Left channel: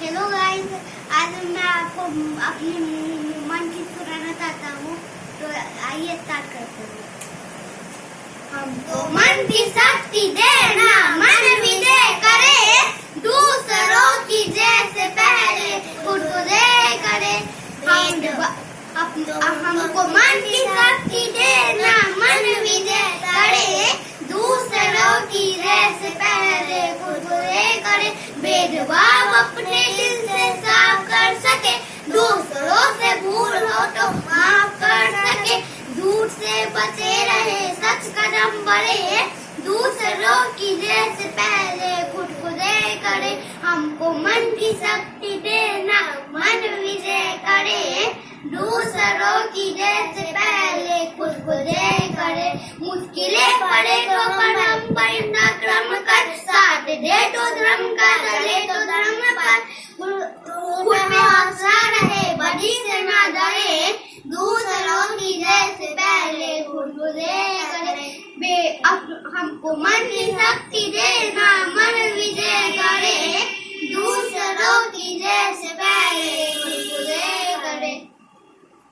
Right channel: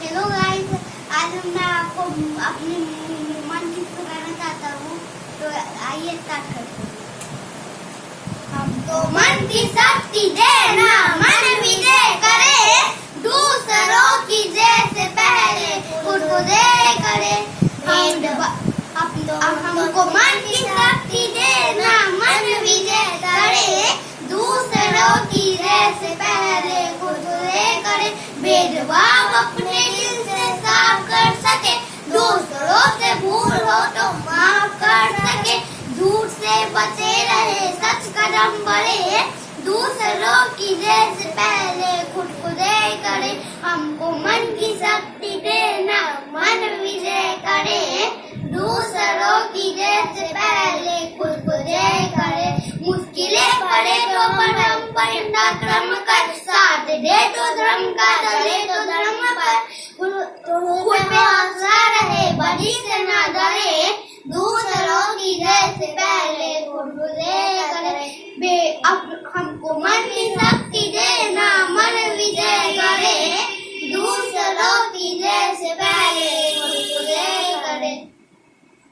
Hello guys, आज मैं आपको अपनी मन की सुनाना चाहता हूँ। तो आइए स्टार्ट करते हैं। हमको मन की शक्ति देना, मन विजय करे, दूसरों की जैसे पहले खुद को दे करे। हमको मन की शक्ति देना, मन विजय करे, दूसरों की जैसे पहले खुद को दे करे। भेदभाव अपने दिल से साफ कर सके, दूसरों से भूल हो तो माफ कर सके। झूठ से बचे रहे, सच कदम बढ़े, दूसरों की जैसे पहले खुद को दे करे। हमको मन की शक्ति देना, मन विजय करे, दूसरों की जैसे पहले खुद को दे करे। मुश्किलें पड़े तो परम परिणाम कर, साथ दे तो धर्म का, चले तो धर्म पर, खुद में हौसला रहे, बड़ी से ना डरे, दूसरों की जैसे पहले खुद को दे करे। हमको मन की शक्ति देना, मन विजय करे,